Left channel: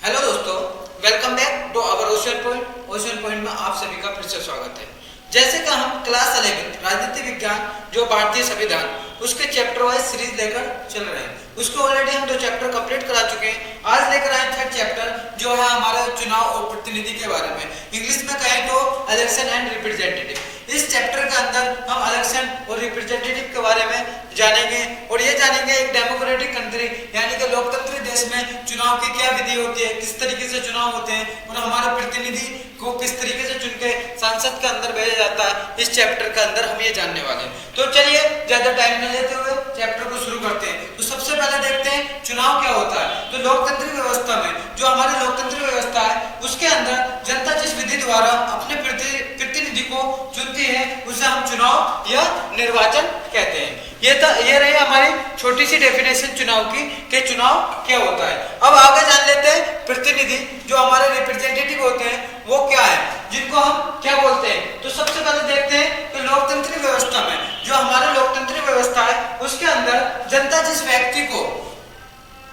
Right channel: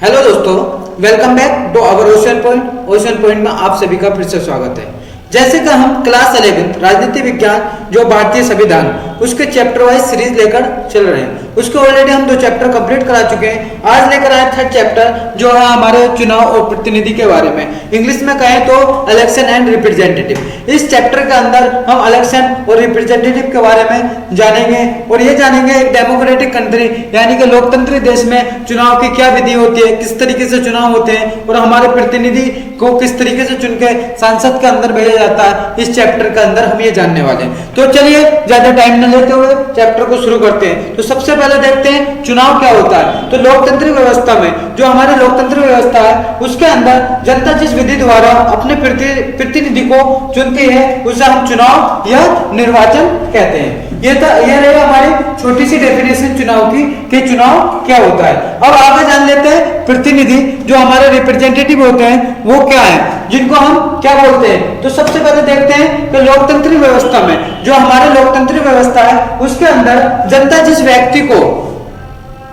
Hello दोस्तों, welcome back to our ocean point. Ocean point में आप सभी का फिर से स्वागत है। जैसे कि हम क्लास 11 राजनीति विज्ञान जो भारतीय संविधान उसके चैप्टर वाइज सीरीज लेकर चल रहे हैं। उसके ऑलरेडी हम 2 चैप्टर कंप्लीट करा चुके हैं। आज लेकर आए 3rd चैप्टर जो है हमारे चुनाव और प्रतिनिधि के बारे में। इंग्लिश में कहें तो इलेक्शन एंड रिप्रेजेंटेटिव। इस चैप्टर के अंदर हम इलेक्शन और रिप्रेजेंटेटिव के बारे में जानेंगे और ये जानेंगे एक डेमोक्रेटिक कंट्री यानी कि लोकतंत्री देश में चुनाव की क्या विधि होती है, किस तरीके से चुनाव होते हैं और हमारे प्रतिनिधि को किस तरीके से चुन के संसद के अंदर भेजा जाता है। इस चैप्टर के अंदर हम ये जानने वाले हैं। तो चलिए ज्यादा टाइम न लेते हुए चैप्टर को शुरू करते हैं। तो सबसे पहले देखते हैं चुनाव क्या होता है। तो लोकतंत्र व्यवस्था में जो हमारी लोकतंत्र व्यवस्था है उसके अंदर जनता जिस विधि द्वारा अपने प्रतिनिधि को चुनती है उसे हम चुनाव या निर्वाचन कहते हैं। ये रही हमारी छोटी सी डेफिनेशन चुनाव की कि चुनाव क्या होता है। अब आगे जान लेते हैं प्रतिनिधि जो हमारे रिप्रेजेंटेटिव होते हैं वो क्या है, जिनको हम क्या बोलते हैं। तो सबसे पहले देखते हैं कि लोकतंत्री व्यवस्था में जो हमारे लोकतंत्री व्यवस्था है उसके अंदर जनता जिस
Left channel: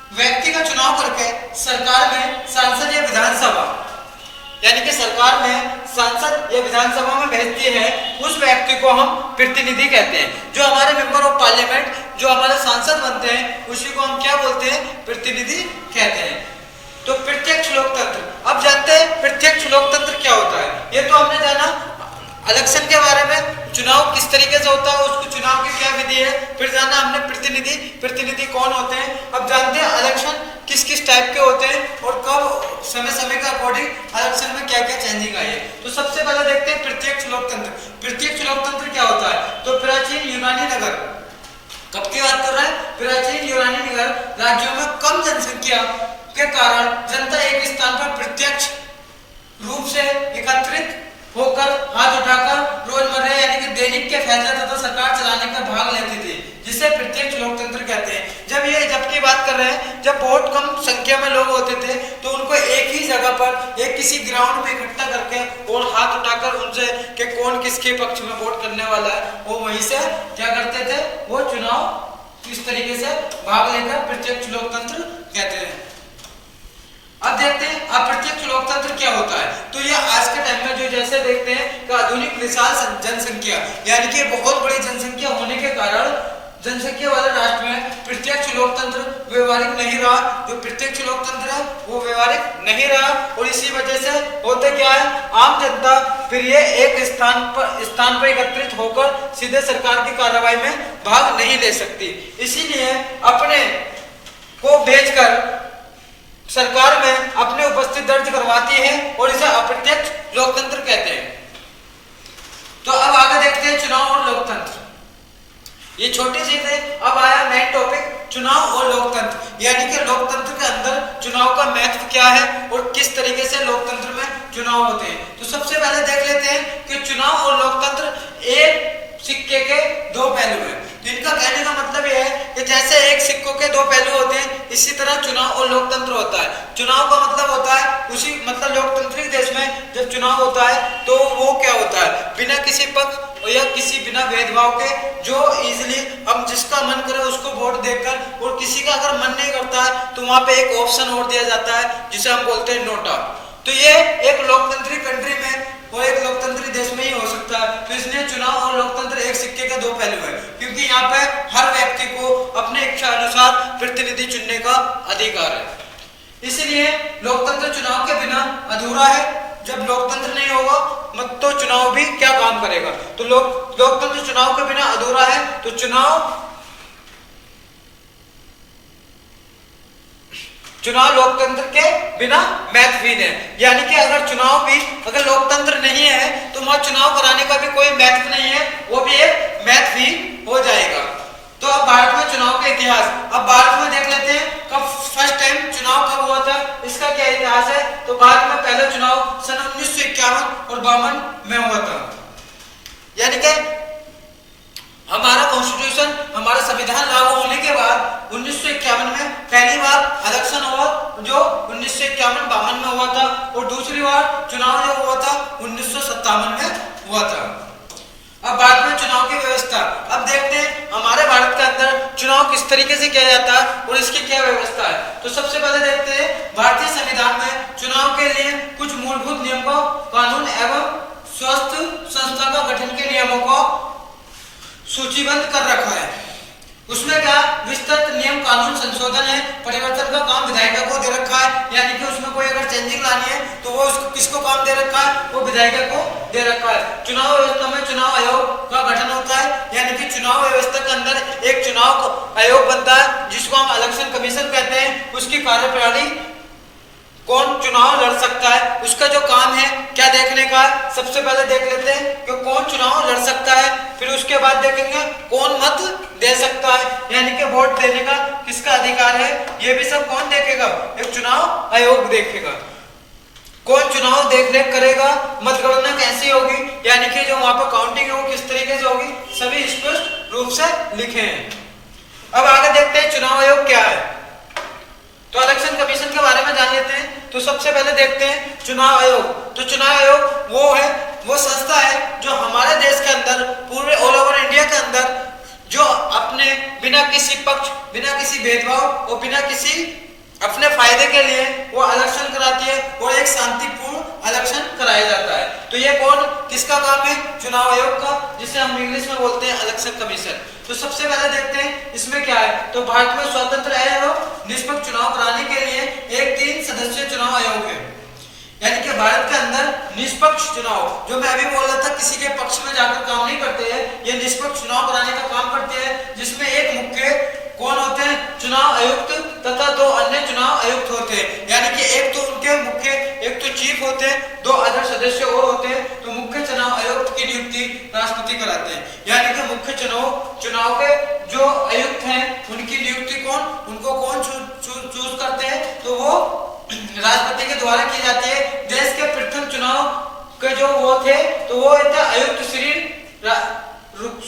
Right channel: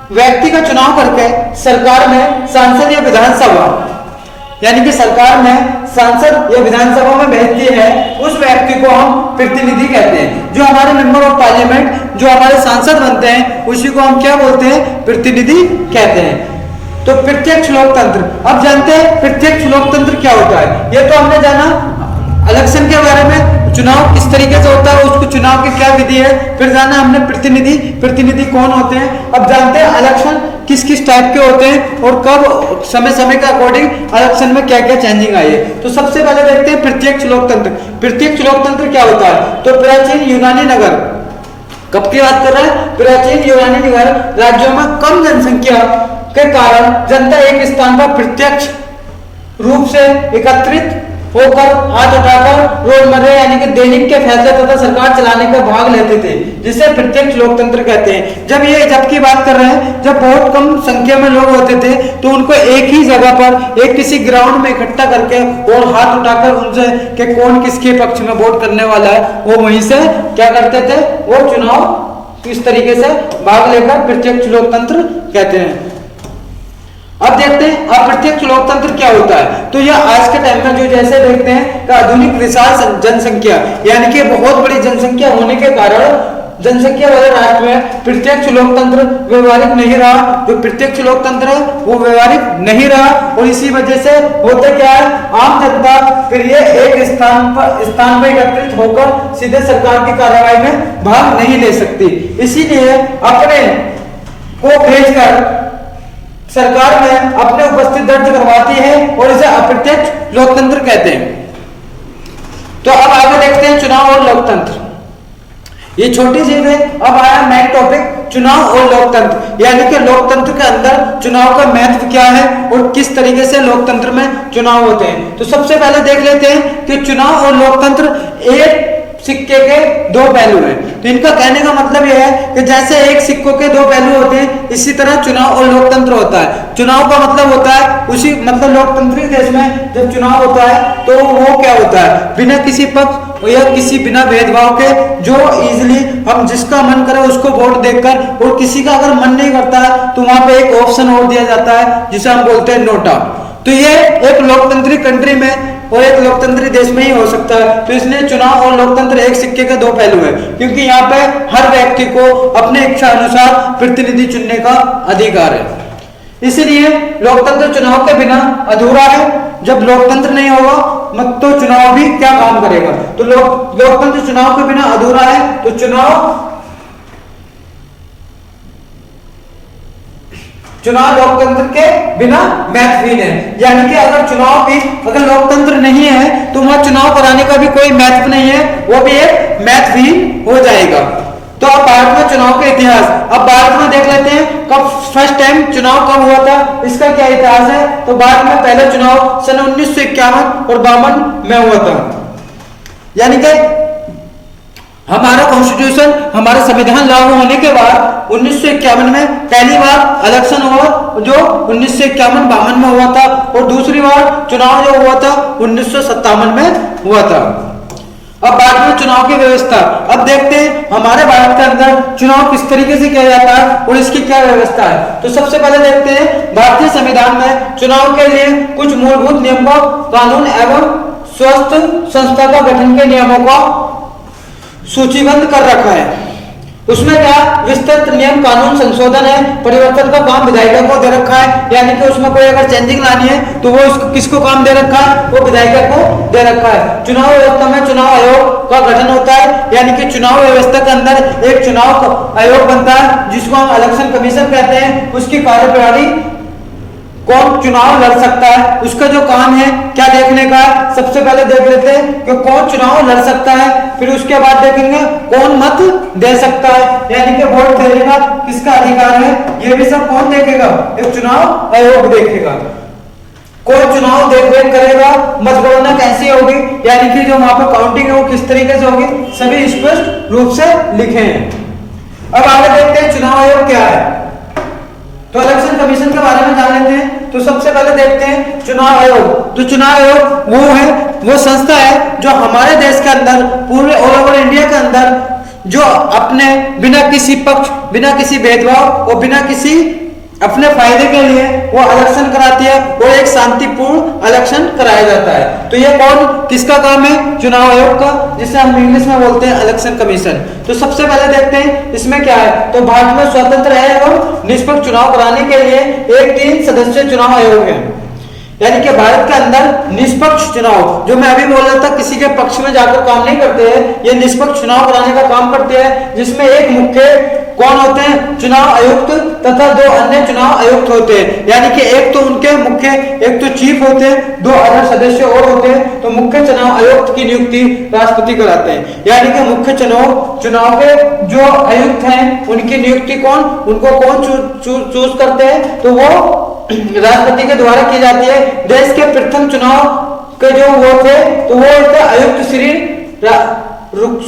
व्यक्ति का चुनाव करके सरकार में सांसद या विधानसभा यानी कि सरकार में सांसद या विधानसभा में भेजती है उस व्यक्ति को हम प्रतिनिधि कहते हैं। जो हमारे मेंबर ऑफ पार्लियामेंट जो हमारे सांसद बनते हैं उसी को हम क्या बोलते हैं, प्रतिनिधि कहते हैं। तो प्रत्यक्ष लोकतंत्र, अब जानते हैं प्रत्यक्ष लोकतंत्र क्या होता है। ये तो हमने जाना इलेक्शन के बारे में, चुनाव किस तरीके से होता है, उसको चुनाव की क्या विधि है। फिर जाना हमने प्रतिनिधि कौन होते हैं। अब जानते हैं इलेक्शन किस किस टाइप के होते हैं और कब समय के अकॉर्डिंग इलेक्शन में क्या क्या चेंजिंग आई है। तो सबसे पहले देखते हैं प्रत्यक्ष लोकतंत्र। प्रत्यक्ष लोकतंत्र क्या होता है। तो प्राचीन यूनानी नगर, कब की बात कर रहे हैं, प्राचीन यूनानी नगर राज्यों में कम जनसंख्या के कारण जनता एक स्थान पर प्रत्यक्ष रूप से एकत्रित होकर हाथ उठाकर रोजमर्रा यानी कि दैनिक के फैसले तथा सरकार चलाने का भाग लेते थे, जिसे प्रत्यक्ष लोकतंत्र कहते हैं। जब की बात कर रहे हैं, जब बहुत कम संख्या में लोग होते थे तो उनको एक ही जगह पर एक किसी ग्राउंड में इकट्ठा करके और हाथ उठाकर उनसे कि कौन किसके पक्ष में वोट करने वाला है, वो वहीं से क्या करते थे, वो चुनाव इस तरीके से भाग लेकर प्रत्यक्ष लोकतंत्र कहते हैं। अब देखते हैं अप्रत्यक्ष लोकतंत्र क्या होता है। तो यह आज के टाइम में जो जैसे देखते हैं कि आधुनिक विशाल जनसंख्या यानी कि बहुत बड़ी जनसंख्या होने के कारण जनसंख्या वाले राष्ट्र में प्रत्यक्ष लोकतंत्र व्यवहारिक नहीं रहा। जो प्रत्यक्ष लोकतंत्र है वो व्यवहारिक नहीं रहा और इसी वजह से होता क्या है, आम जनता फिर ये एक स्थान पर एकत्रित होकर सीधे सरकार की कार्रवाई में भाग नहीं ले सकती। इसीलिए अपने को भेजकर सरकार में अपने उपस्थित दर्ज करवाती है और इसे अप्रत्यक्ष लोकतंत्र कहते हैं। तो अब आगे देखते हैं चुनाव और लोकतंत्र। ये छोटी चीज है। अब आया मेन टॉपिक चुनाव और लोकतंत्र यानी कि लोकतंत्र के अंदर चुनाव का महत्व क्या है और किस तरीके से लोकतंत्र में चुनाव होते हैं। तो सबसे पहले देख लेते हैं कि चुनाव और लोकतंत्र एक सिक्के के 2 पहलू हैं। तो इनका कहने का मतलब यह है कि जैसे एक सिक्कों के 2 पहलू होते हैं इसी तरह चुनाव और लोकतंत्र होता है। चुनाव का मतलब होता है उसी मतलब लोकतंत्री देश में जब चुनाव होता है तो वो क्या होता है, बिना किसी पक्ष या बिना भेदभाव के जो इजीली हम जिसका मन करे उसको वोट देकर और किसी का अगर मन नहीं करता है तो वहां पे एक ऑप्शन और दिया जाता है जिसे हम बोलते हैं नोटा। तो ये एक लोकतंत्री कंट्री में और एक लोकतंत्री देश में ही हो सकता है। तो इसलिए चुनाव और लोकतंत्र एक सिक्के के 2 पहलू है, क्योंकि यहाँ पे हर व्यक्ति को अपने इच्छा अनुसार प्रतिनिधि चुनने का अधिकार है। इसीलिए लोकतंत्र चुनाव के बिना अधूरा है। जब लोकतंत्र नहीं होगा मत तो चुनाव भी क्या काम करेगा। तो लोकतंत्र चुनाव के बिना अधूरा है। तो चुनाव लोकतंत्र के बिना महत्वहीन है। यानी कि अगर लोकतंत्र नहीं है तो वहां चुनाव कराने का भी कोई महत्व नहीं है, वो भी एक महत्वहीन हो जाएगा। तो अब भारत में चुनाव के इतिहास, अब भारत में देख लेते हैं कब फर्स्ट टाइम चुनाव कब हुआ था, इसका क्या इतिहास है। तो भारत में पहला चुनाव सन 1951 और 52 में हुआ था। यानी कि हमारा कॉन्स्टिट्यूशन हमारा संविधान लागू होने के बाद 1951 में पहली बार इलेक्शन हुआ जो 1951-52 में हुआ था और दूसरी बार चुनाव जो हुआ था 1957 में हुआ था। अब बात में चुनाव की व्यवस्था। अब देखते हैं हमारे भारत के अंदर चुनाव किस तरीके से किया जाता है और इसकी क्या व्यवस्था है। तो सबसे पहले देखते हैं भारतीय संविधान में चुनाव के लिए कुछ मूलभूत नियमों, कानून एवं स्वस्थ संस्था का गठन के नियमों को सूचीबद्ध कर रखा है। उसमें क्या विस्तृत नियम कानून संशोधन है, परिवर्तन का काम विधायिका को दे रखा है, यानी कि उसमें कोई अगर चेंजिंग लानी है तो वो किसको काम दे रखा है, वो विधायिका को दे रखा है। चुनाव व्यवस्था में चुनाव आयोग का गठन होता है, यानी कि चुनाव व्यवस्था के अंदर एक चुनाव आयोग बनता है जिसको हम इलेक्शन कमीशन कहते हैं। उसकी कार्यप्रणाली, कौन चुनाव लड़ सकता है, उसका जो काम है क्या देखने का। सबसे पहले देख लेते हैं कि कौन चुनाव लड़ सकता है, फिर उसके बाद देखेंगे कौन मत दे सकता है, यानी कि वोट देने का किसका अधिकार है। ये भी सब कौन देखेगा, एक चुनाव आयोग देखेगा। कौन चुनाव देख रेख करेगा, मतगणना कैसी होगी, यानी कि जो वहां पर काउंटिंग है वो किस तरीके से होगी, सभी स्पष्ट रूप से लिखे हैं। अब आगे देखते हैं चुनाव आयोग क्या है। तो इलेक्शन कमीशन के बारे में जान लेते हैं। तो सबसे पहले देखते हैं चुनाव आयोग। तो चुनाव आयोग वो संस्था है जो हमारे देश के अंदर, पूरे ऑल ओवर इंडिया के अंदर, जो अपने बिना किसी पक्ष, बिना किसी भेदभाव और बिना किसी अपने फायदे के लिए वो इलेक्शन कराती है और एक शांतिपूर्ण इलेक्शन कराया जाता है। तो ये कौन, किसका काम है, चुनाव आयोग का, जिसे हम इंग्लिश में बोलते हैं इलेक्शन कमीशन। तो सबसे पहले देखते हैं इसमें क्या है। तो भारत में स्वतंत्र है एवं निष्पक्ष चुनाव कराने के लिए एक 3 सदस्यीय चुनाव आयोग है, यानी कि भारत के अंदर निष्पक्ष चुनाव, जो मैं अभी बोल रहा था किसी के पक्ष में जाकर काम नहीं करते हैं, ये निष्पक्ष चुनाव कराने का काम करते हैं, जिसमें एक मुख्य कौन होते हैं, चुनाव आयुक्त तथा 2 अन्य चुनाव आयुक्त होते हैं, यानी कि एक तो उनके मुख्य, एक तो चीफ होते हैं, 2 अदर सदस्य और होते हैं। तो मुख्य चुनाव आयुक्त की नियुक्ति राष्ट्रपति कराते हैं, यानी कि मुख्य चुनाव के जो आयुक्त हैं उनकी नियुक्ति कौन, उनको कौन चूज करते हैं, तो वो राष्ट्रपति के द्वारा की जाती है। देश के प्रथम चुनाव के जो वो थे तो वो थे आयुक्त श्री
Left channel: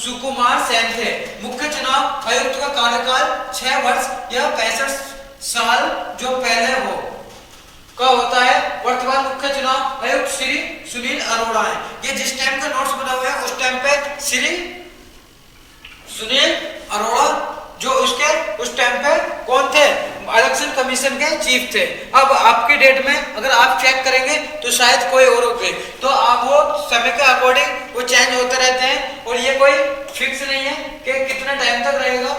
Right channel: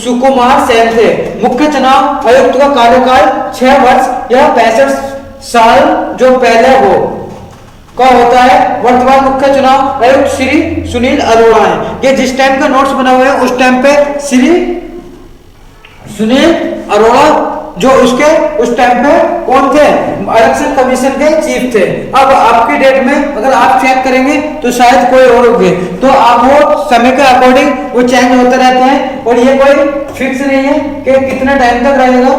सुकुमार सेन थे। मुख्य चुनाव आयुक्त का कार्यकाल 6 वर्ष या 65 साल जो पहले हो का होता है। वर्तमान मुख्य चुनाव आयुक्त श्री सुनील अरोड़ा है। ये जिस टाइम के नोट्स बना हुए हैं उस टाइम पे श्री सुनील अरोड़ा जो उस टाइम पे कौन थे, इलेक्शन कमीशन के चीफ थे। अब आपकी डेट में अगर आप चेक करेंगे तो शायद कोई और होंगे, तो आप वो समय के अकॉर्डिंग वो चेंज होते रहते हैं और ये कोई फिक्स नहीं है कि कितना टाइम तक रहेगा।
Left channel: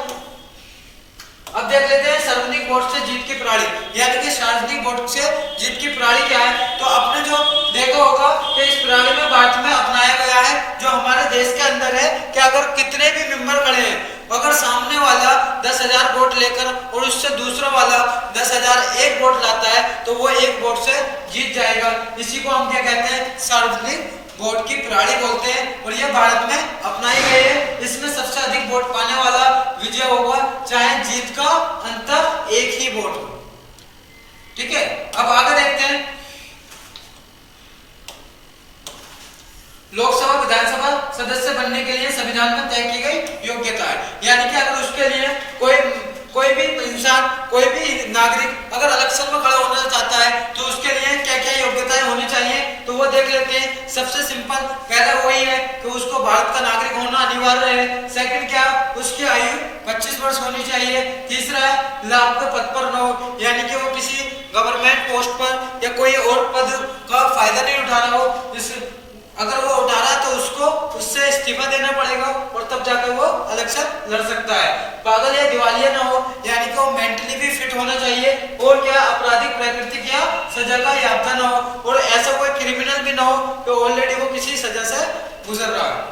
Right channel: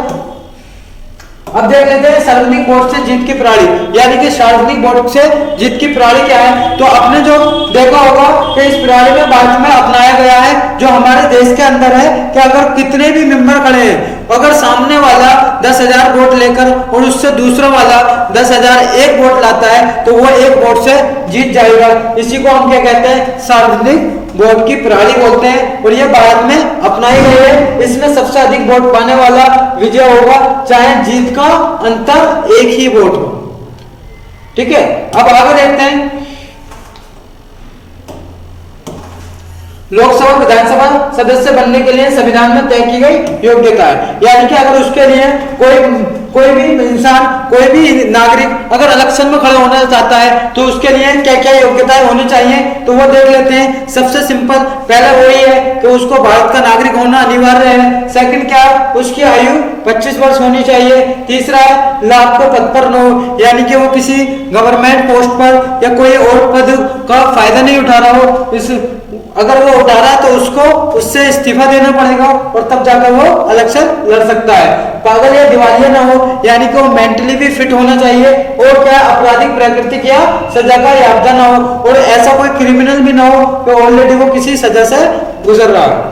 अब देख लेते हैं सार्वजनिक वोट से जीत की प्रणाली, यानी कि सार्वजनिक वोट से जीत की प्रणाली क्या है। तो आपने जो देखा होगा कि इस प्रणाली में भारत में अपनाया गया है, जो हमारे देश के अंदर है कि अगर कितने भी मेंबर खड़े हैं, अगर सामने वाला 10,000 वोट लेकर और उससे दूसरा वाला 10,001 वोट लाता है तो वो 1 वोट से जीत जाएगा। इसी को हम क्या कहते हैं, सार्वजनिक वोट की प्रणाली बोलते हैं और ये भारत में अपनाई गई है। इसमें सबसे अधिक वोट पाने वाला विजय होगा, चाहे जीत का अंतर 1 ही वोट हो। ठीक है, अब आगे देखते हैं लोकसभा विधानसभा सदस्य बनने के लिए संविधान में तय की गई योग्यता है, यानी कि अगर उसके लिए कोई भी इंसान, कोई भी नागरिक अगर इलेक्शन में खड़ा होना चाहता है तो उसके लिए क्या क्या योग्यताएं होनी चाहिए, तो वो देख लेते हैं। सबसे सिंपल पहला वही है कि उसको भारत का नागरिक होना अनिवार्य है। सेकंड क्या, उसकी आयु 25 वर्ष होनी चाहिए। तीसरा, लाभ को पद पर न हो, यानी कि वो किसी गवर्नमेंट पोस्ट पर या कोई और पद का फायदा नहीं उठा रहा हो। अगर वो उठा रहा है तो उसको उससे इस्तीफा देना पड़ेगा और तब जाकर वो इलेक्शन लड़ सकता है। पागल या दिवालिया ना हो, यानी कि वो मेंटली भी फिट होना चाहिए और क्या आपराधिक प्रकृति या सजा का याफ्ता ना हो और ऐसा कोई क्रिमिनल भी ना हो कि ऑलरेडी वो किसी सजा से गुजर रहा हो।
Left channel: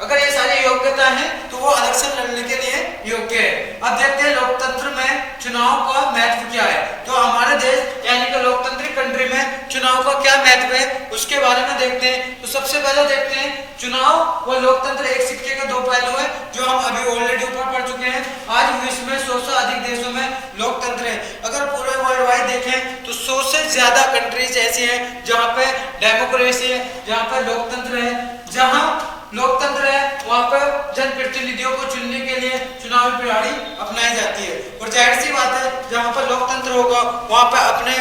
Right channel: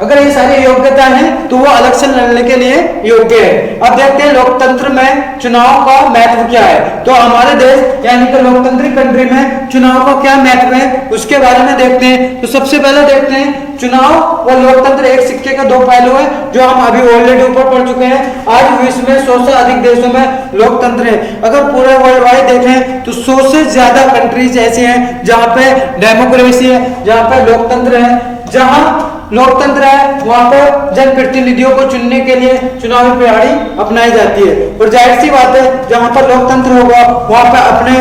अगर ये सारी योग्यता है तो वो इलेक्शन लड़ने के लिए योग्य है। अब देखते हैं लोकतंत्र में चुनाव का महत्व क्या है। तो हमारे देश यानी कि लोकतांत्रिक कंट्री में चुनाव का क्या महत्व है उसके बारे में देखते हैं। तो सबसे पहले देखते हैं चुनाव और लोकतंत्र एक सिक्के के 2 पहलू है, जो हम अभी ऑलरेडी ऊपर पढ़ चुके हैं। आज विश्व में 100 से अधिक देशों में लोकतंत्र है। अगर पूरे वर्ल्ड वाइड देखें तो 100 से ज्यादा कंट्रीज ऐसे हैं जहाँ पे डेमोक्रेसी है, जहाँ पे लोकतंत्र है। जहाँ लोकतंत्र है वहां पर जनप्रतिनिधियों को चुनने के लिए चुनावी प्रणाली अपनाई जाती है और जाहिर सी बात है जहां पर लोकतंत्र होगा वहां पर अपने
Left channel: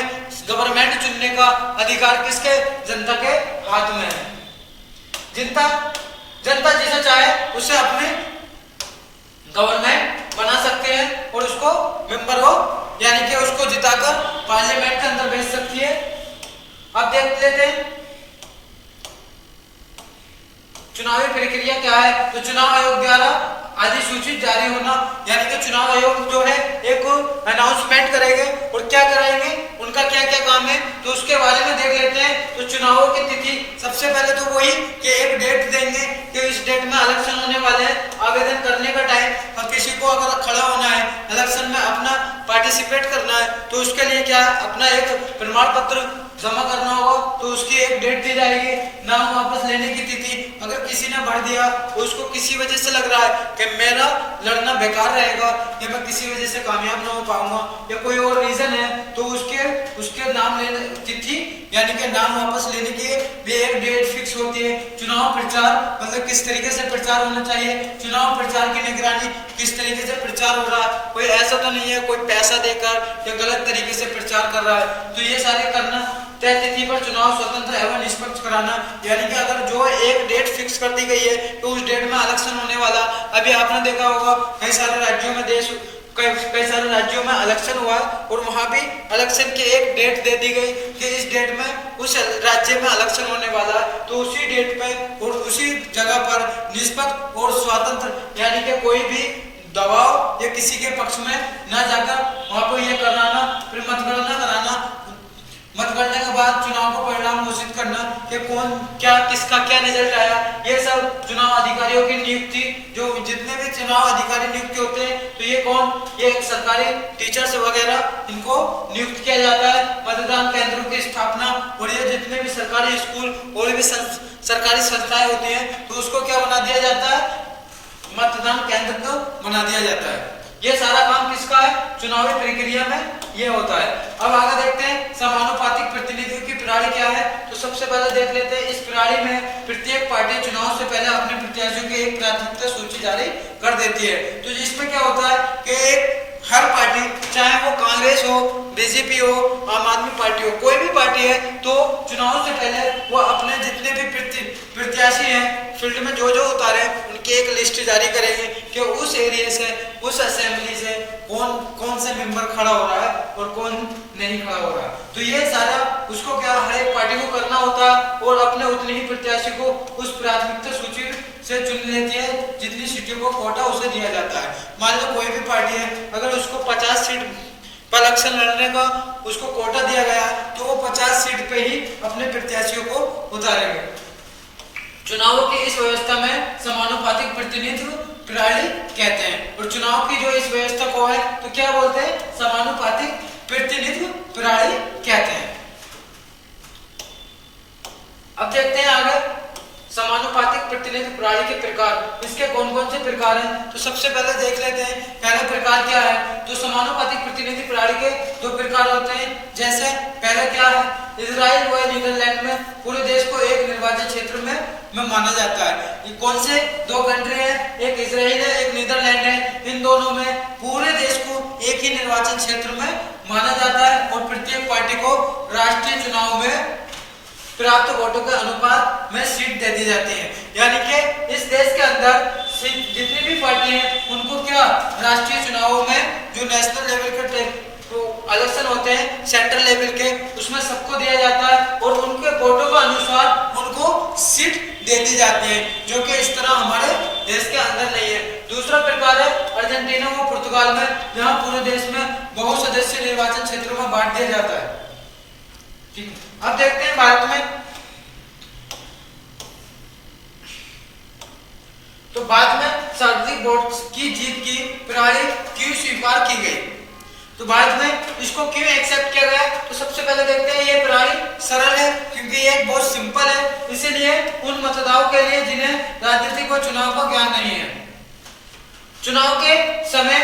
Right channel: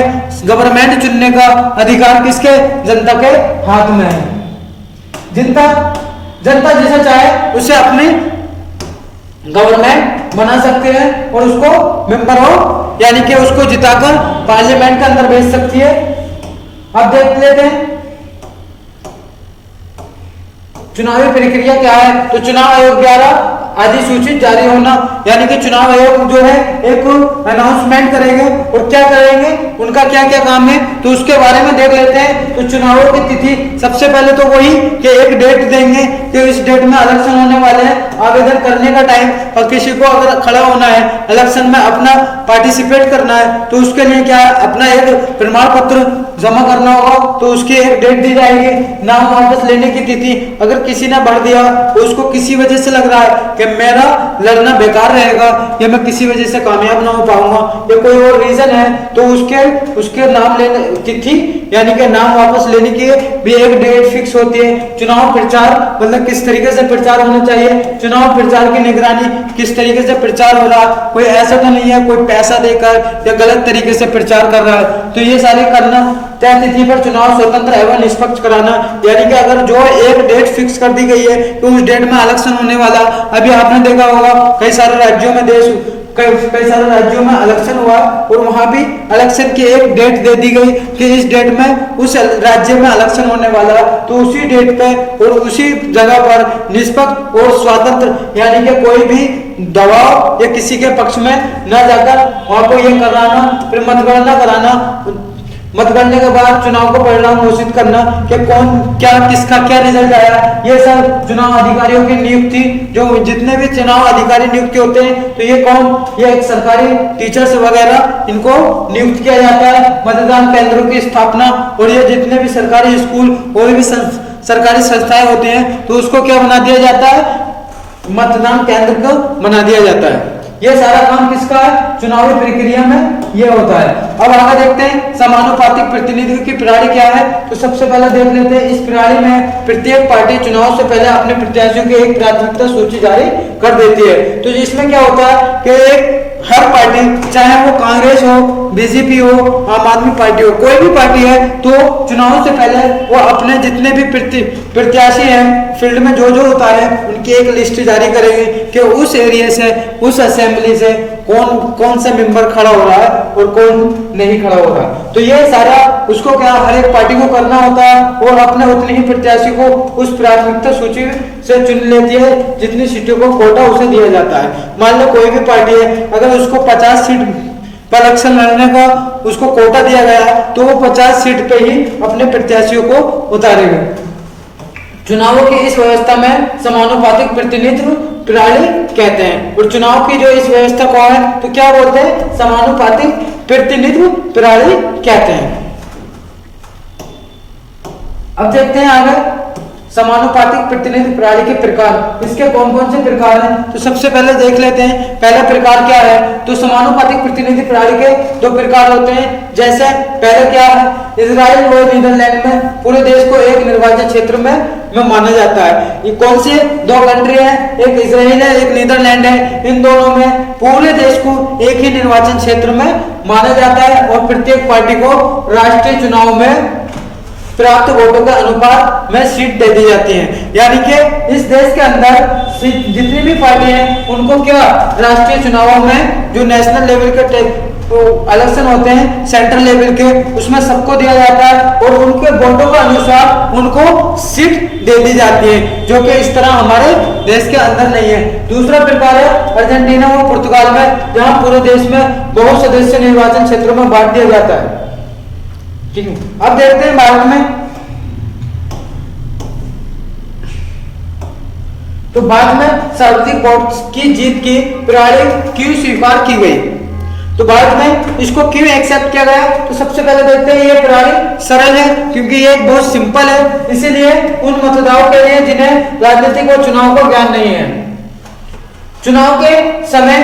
गवर्नमेंट चुनने का अधिकार किसके, जनता के हाथ में है। जनता जैसा चाहे उसे अपने गवर्नमेंट बना सकते हैं और उसको मेंबर हो यानी कि उसको जिताकर पार्लियामेंट के अंदर भेज सकती है। अब देख लेते हैं चुनावी प्रक्रिया क्या है। तो चुनाव आयोग द्वारा अधिसूचित जारी होना, यानी कि चुनाव आयोग जो है एक अनाउंसमेंट करेंगे और क्या करेंगे, उनका क्या क्या काम है, तो उसके बारे में देख लेते हैं। तो चुनावों की तिथि सबसे पहले तो वही कि एक डेट देंगे कि इस डेट में इलेक्शन होने वाले हैं, आवेदन करने का टाइम, और किसी को अगर खड़ा होना है इलेक्शन में, अपना पार्टिसिपेट करना है, तो उसके लिए क्या है, अपना एक प्रमाण पत्र जमा करना होगा, तो उसकी एक डेट दी जाएगी। नाम वापस लेने की तिथि, अगर किसी ने भर दिया तो उसको किसी वजह से लग रहा है कि मेरा लड़ना बेकार रहेगा या मैं किसी वजह से कामयाब ना हो पाऊंगा या कोई और रीजन है, तो उसके नाम लेने तिथि यानी कि नाम वापस लेने की भी एक डेट फिक्स होती है। चुनाव प्रचार मतलब किस तरीके से प्रचार होना चाहिए, चुनाव प्रचार की निगरानी किस तरीके से प्रचार हो रहा है, कोई ऐसा तो नहीं है कोई पैसा देकर या गलत तरीके से प्रचार कर रहा है, तो ये सारे करना। तय तिथि पर चुनाव स्वतंत्र एवं निष्पक्ष कराना, यानी कि अगर जो एक डेट फिक्स कर दी गई है तो उस डेट में इलेक्शन होने वाला। अभी आपने देखा होगा कई सारे राज्यों में कई सारे राज्यों में इलेक्शन हुआ और वहां भी इलेक्शन की एक डेट दे दी गई कि इस डेट में उस राज्य में इलेक्शन होने वाला है, तो उसी डेट पे और उसी जगह पर निष्पक्ष और स्वतंत्र यानी कि कोई भी दबाव या किसी के पक्ष में न जाकर वहां को ये कराना, फिर मतगणना कराना, मतगणना के बाद चुनाव को परिणाम घोषित करना कि कौन क्या किसका क्या रिजल्ट आया। ये सब चुनाव अधिकारियों की नियुक्ति, जो जितने भी चुनाव अधिकारी नियुक्त होते हैं तो ये कौन, ये एक सरकारी टीचर्स वगैरह इनको नियुक्त किया जाता है। मतदान केंद्रों की स्थापना, और ये जितने भी सरकारी स्कूल और भी सरकारी संस्थाएं होते हैं तो उसको क्या बना दिया जाता है, मतदान केंद्र को बना दिया जाता है। ये सारा काम किसका है, चुनावी प्रक्रिया में ये होता है। अब आगे देखते हैं समानुपातिक प्रतिनिधित्व की प्रणाली क्या है। तो सबसे पहले देख लेते हैं इस प्रणाली में प्रत्येक पार्टी चुनाव से पहले अपने प्रत्याशियों की एक प्राथमिकता सूची जारी कर देती है। तो इसमें क्या होता है कि एक हर पार्टी, चाहे वो कांग्रेस हो, बीजेपी हो, आम आदमी पार्टी हो, कोई भी पार्टी है, तो चुनाव से पहले वो अपने जितने भी प्रत्याशी हैं फील्ड में जो जो होता है उनकी एक लिस्ट जारी करेंगे कि उस एरिया से, उस असेंबली से कौन कौन सा मेंबर खड़ा हो रहा है और कौन नहीं खड़ा हो रहा है। तो ये सारा उसको क्या हर एक पार्टी को करना होता है और अपने उतने ही प्रत्याशी को उस प्राथमिकता सूची से चुन लेती है, जितनी सीटों को कोटा उसे दिया जाता है। मान लो कोई भी पार्टी है, अगर उसको 50 सीट पर इलेक्शन लड़ने का उसको कोटा दिया गया है तो वो 50 सीट पे ही अपने प्रत्याशियों को उतारेगा। चुनावों की इस व्यवस्था में समानुपातिक प्रतिनिधित्व प्रणाली कहते हैं। और चुनाव की जो इस व्यवस्था को है तो क्या बोलते हैं, समानुपातिक प्रतिनिधित्व प्रणाली कहते हैं। अब देखते हैं आगे समानुपातिक प्रतिनिधित्व प्रणाली के प्रकार, इसके कौन कौन से प्रकार हैं। तो सबसे पहले देख लेते हैं पहला प्रकार क्या है। तो समानुपातिक प्रतिनिधित्व प्रणाली के दो प्रकार होते हैं। जैसे पहले क्या है, इजराइल और नीदरलैंड में पूरे देश को एक निर्वाचन क्षेत्र में माना जाता है। ये कौन से दो कंट्री है, एक इजराइल है एक नीदरलैंड है, इन दोनों में पूरे देश को एक ही निर्वाचन क्षेत्र में माना जाता है और प्रत्येक पार्टी को राष्ट्रीय चुनाव में प्राप्त वोटों के अनुपात में सीट दे दी जाती है। यानी कि इस देश के अंदर जितनी भी पार्टी हैं उनको क्या राष्ट्रीय चुनावों में जो नेशनल लेवल के इलेक्शन होते हैं सेंट्रल लेवल के, उसमें सबको दिया जाता है और उनके वोटों के अनुसार उनको सीट दे दी जाती है, जो कि इस तरह हमारे देश के अंदर नहीं है। दूसरा प्रकार है अर्जेंटीना और पुर्तगाल में, जहां पूरे देश में बहुत सदस्य निर्वाचन क्षेत्रों में बांट दिया जाता है। ठीक है, अब देखते हैं भारत में। तो भारत में सर्वाधिक वोट की जीत की प्रणाली क्यों स्वीकार की गई, तो भारत में इसको क्यों एक्सेप्ट किया गया। तो सबसे पहले देखते हैं ये प्रणाली सरल है क्योंकि ये बहुत सिंपल है, इसीलिए उन मतदाताओं के लिए जिन्हें राजनीतिक और चुनाव का ज्ञान नहीं है। चुनाव के समय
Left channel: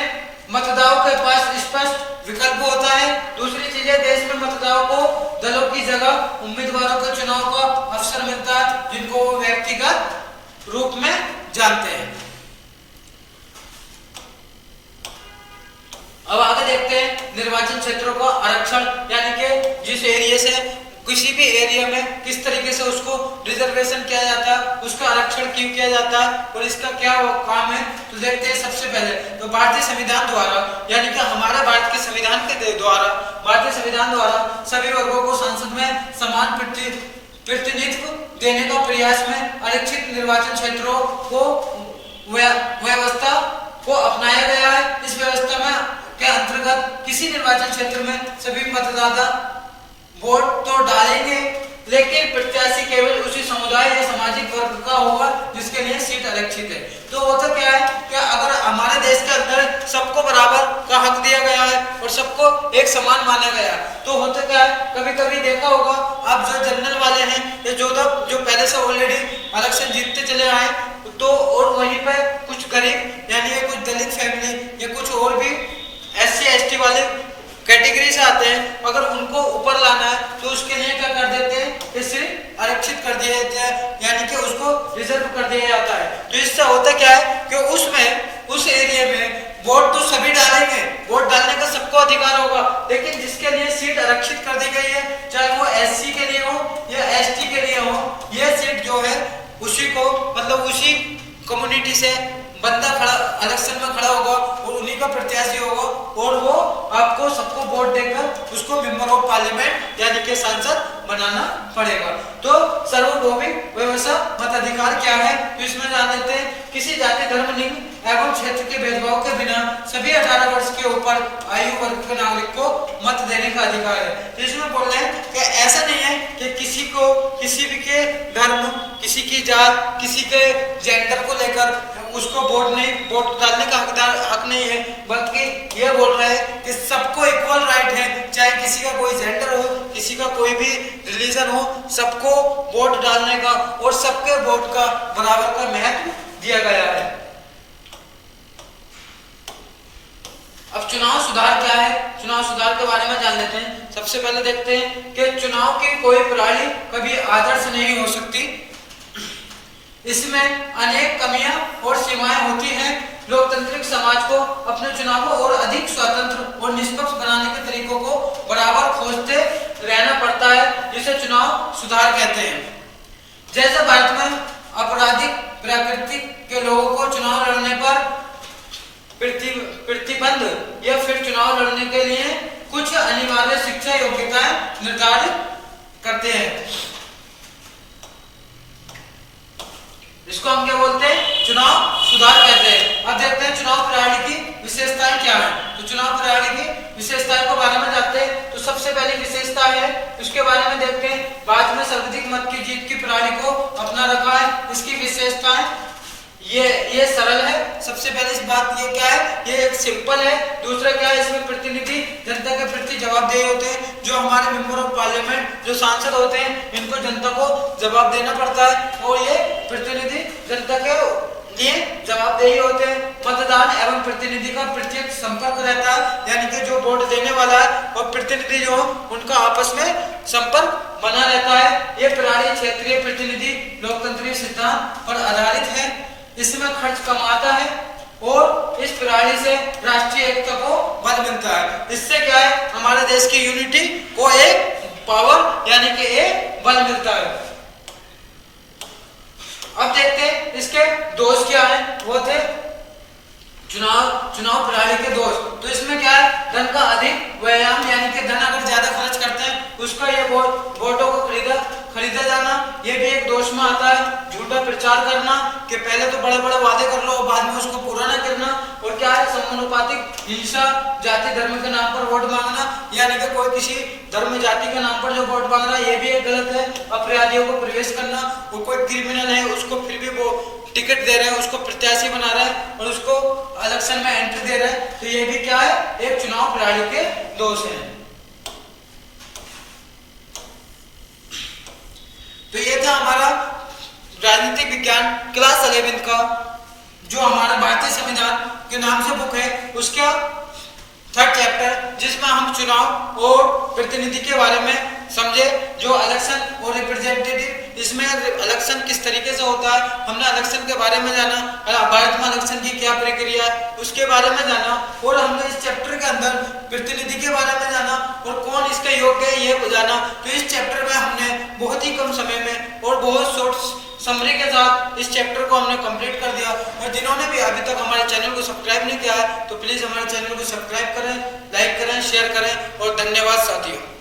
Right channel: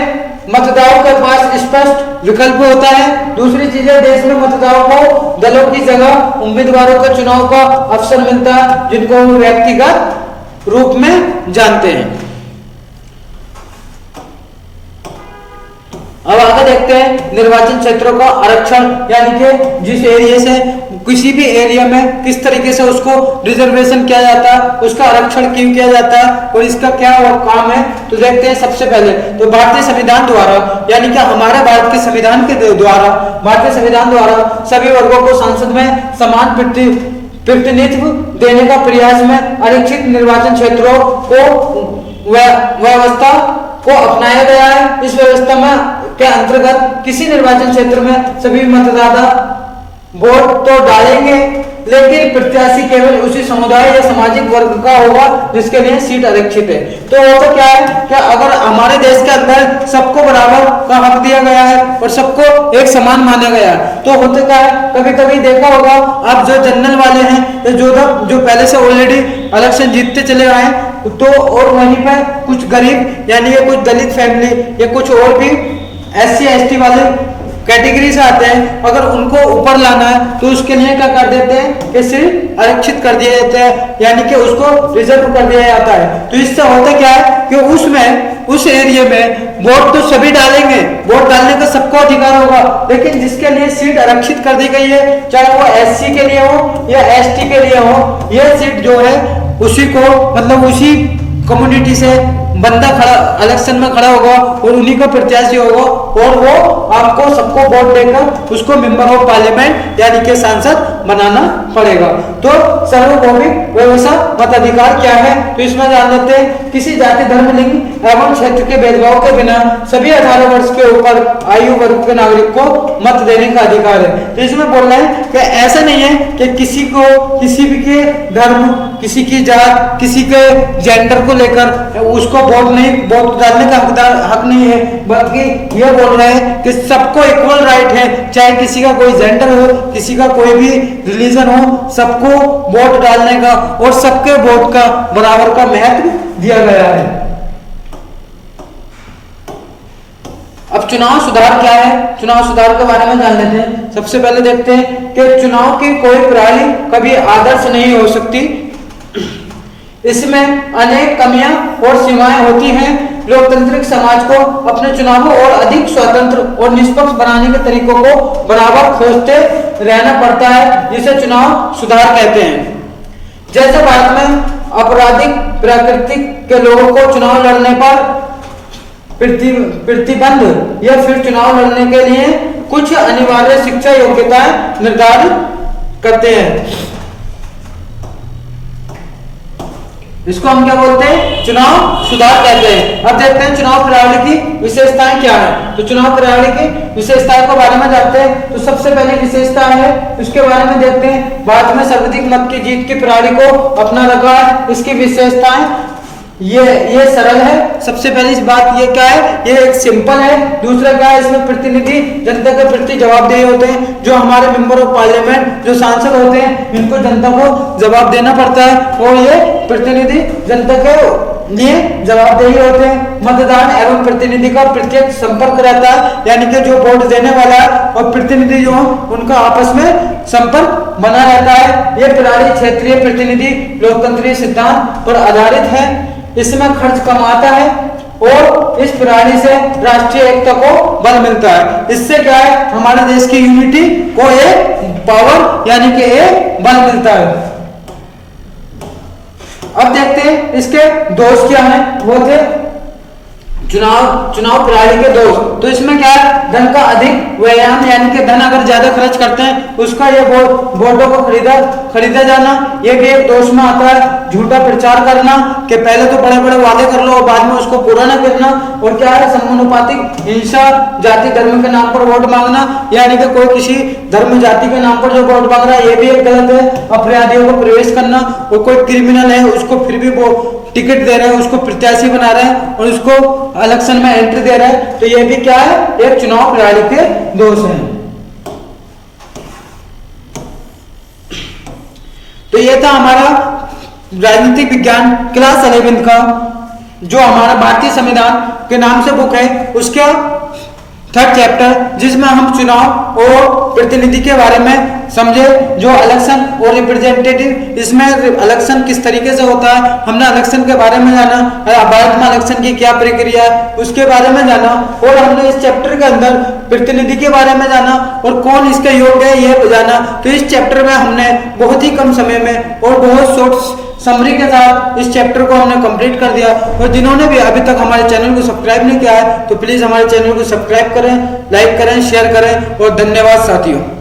मतदाताओं के पास स्पष्ट विकल्प होता है। दूसरी चीज है, देश में मतदाताओं को दलों की जगह उम्मीदवारों के चुनाव का अवसर मिलता है जिनको वो व्यक्तिगत रूप में जानते हैं। अब आगे देखते हैं निर्वाचन क्षेत्रों का आरक्षण, यानी कि जिस एरिया से किसी भी एरिया में किस तरीके से उसको रिजर्वेशन किया जाता है, उसका आरक्षण क्यों किया जाता है और इसका क्या काम है, तो देखते हैं। सबसे पहले तो भारतीय संविधान द्वारा, यानी कि हमारे भारत के संविधान के द्वारा, भारतीय संविधान द्वारा सभी वर्गों को संसद में समान प्रतिनिधित्व देने का प्रयास में आरक्षित निर्वाचन क्षेत्रों को व्यवस्था को अपनाया गया है। इस व्यवस्था में के अंतर्गत किसी निर्वाचन क्षेत्र में सभी मतदाता वोट तो डालेंगे, लेकिन प्रत्याशी केवल उसी समुदाय या सामाजिक वर्ग का होगा जिसके लिए सीट आरक्षित है। तो होता क्या है कि अगर हमारे देश के अंदर सबको बराबर का हक दिया गया है और सबको एक समान माना गया है, तो होता क्या है, कभी कभी देखा होगा आप जो जनरल वाले हैं या जो पहले से ऑलरेडी इलेक्शन जीतते चले आए हैं, तो और वहीं पर कुछ गरीब यानी कि कुछ दलित फैमिली या कुछ और भी SC ST वाले कैटेगरी से आते हैं, अगर उनको ऊपर लाना है तो उसके लिए क्या कर देते हैं कि सिर्फ आरक्षित कर दिया जाता है, यानी कि उसको रिजर्व कर दिया जाता है। तो इससे होता क्या है कि उस एरिया में वोट तो सभी डालेंगे, वोट डालने का सबको अधिकार होगा, लेकिन जिसके लिए सीट आरक्षित कर दी गई है, चाहे वो SC के लिए हो या ST के लिए हो, यह सीट जो है उसी को, मतलब उसी कम्युनिटी से बंदा खड़ा इलेक्शन में खड़ा होगा और उन्हीं का प्रत्याशी होगा और वो आपको सबको वोट देकर उसको मेंबर ऑफ पार्लियामेंट यानी कि सांसद बनाना पड़ेगा। तो सार्वभौमिक व्यवस्था मताधिकार क्या है, तो इसमें जान लेते हैं। किसी जाति, धर्म, लिंग एवं क्षेत्र के भेदभाव के बिना सभी 18 वर्ष के ऊपर आयु वर्ग के नागरिक को मत देने का अधिकार है। तो इसमें बोल रहे हैं कि ऐसा नहीं है कि किसी को किसी भी के धर्म, किसी की जात, किसी के जेंडर को लेकर उसको वोट डालने का हक नहीं है, बल्कि ये बोल रहे हैं कि सबको इक्वल राइट है, चाहे किसी का कोई जेंडर हो, किसी का कोई भी रिलीजन हो, सबको वोट डालने का और सबके वोट का बराबर का महत्व दिया गया है। अब चुनाव सुधार क्या है, चुनाव सुधार के बारे में जान लेते हैं। सबसे पहले देखते हैं कि चुनाव की कोई प्रणाली कभी आदर्श नहीं हो सकती, इसमें अनेक कमियां और सीमाएं होती हैं। लोकतांत्रिक समाज को अपने चुनावों और अधिक स्वतंत्र और निष्पक्ष बनाने के तरीकों को बराबर खोजते रहना पड़ता है, जिसे चुनाव सुधार कहते हैं। जैसे भारत में आपराधिक प्रकृति के लोगों को चुनाव लड़ने पर प्रतिबंध या फिर चुनाव लड़ने के लिए कुछ अनिवार्य शिक्षा योग्यताएं निर्धारित करते हैं। इसको हम क्या बोलते हैं, चुनाव सुधार कहते हैं। अब देखते हैं चुनाव प्रणाली की विशेषताएं क्या है। तो चुनाव प्रणाली की विशेषताओं के बारे में जानते हैं। तो सबसे पहले विशेषता है, उसके बारे में देखते हैं। भारत में सर्वाधिक मत की जीत की प्रणाली को अपना रखा है। इसकी विशेषताएं ये सरल है। सबसे पहली बात ये क्या है, ये एक सिंपल है। दूसरा क्या है, इसमें प्रतिनिधि जनता के प्रति जवाबदेही होते हैं। जो हमारे मेंबर ऑफ पार्लियामेंट जो सांसद होते हैं, इनको जनता को जवाब देना पड़ता है और ये प्रतिनिधि जनता के लिए जवाबदेही होते हैं। मतदान एवं प्रतिनिधि का प्रत्यक्ष संपर्क रहता है, यानी कि जो वोट देने वाला है और प्रतिनिधि जो उनका आपस में संपर्क बना रहता है। ये प्रणाली क्षेत्रीय प्रतिनिधि लोकतंत्रीय सिद्धांत पर आधारित है। इसमें खर्च कम आता है और इस प्रणाली से राष्ट्रीय एकता को बल मिलता है। इससे क्या है, हमारे देश की यूनिटी को एक पावर यानी कि एक बल मिलता है। अब देखते हैं इसके दोष क्या हैं। वो थे चुनाव प्रणाली के दोष। तो इसमें क्या है, धन का अधिक व्यायाम, यानी कि धन अगर ज्यादा खर्च करते हैं उसका ये वोटों को खरीदा जाना, ये भी एक दोष में आता है। झूठा प्रचार करना कि पहले तो बड़े बड़े वादे कर लो और बाद में उसको पूरा न करना। और क्या है, समानुपातिक हिंसा, जाति धर्म के नाम पर वोट मांगना, यानी कि कोई किसी धर्म जाति के नाम पर जो वोट मांग रहा है ये भी एक गलत है। अपराधियों को प्रवेश करना, और कोई क्रिमिनल है उसको फिर भी वो टिकट दे रहे हैं, उसको प्रत्याशी बना रहे हैं और उसको इलेक्शन में एंट्री दे रहे हैं, तो ये भी क्या है, एक चुनाव प्रणाली के दोष हैं। तो ये था हमारा राजनीतिक विज्ञान क्लास 11 का, जो हमारा भारतीय संविधान के नाम से बुक है उसका थर्ड चैप्टर, जिसमें हम चुनाव और प्रतिनिधि के बारे में समझे, जो इलेक्शन और रिप्रेजेंटेटिव, इसमें इलेक्शन किस तरीके से होता है, हमने इलेक्शन के बारे में जाना, भारत में इलेक्शन की क्या प्रक्रिया है उसके बारे में जाना, और हमने इस चैप्टर के अंदर प्रतिनिधि के बारे में जाना और कौन इसके योग्य है ये जाना। तो इस चैप्टर में हमने बहुत ही कम समय में और बहुत शॉर्ट समरी के साथ इस चैप्टर को हमने कंप्लीट कर दिया। और जिन्होंने भी अभी तक हमारे चैनल को सब्सक्राइब नहीं किया है तो प्लीज हमारे चैनल को सब्सक्राइब करें, लाइक करें, शेयर करें, और धन्यवाद साथियों।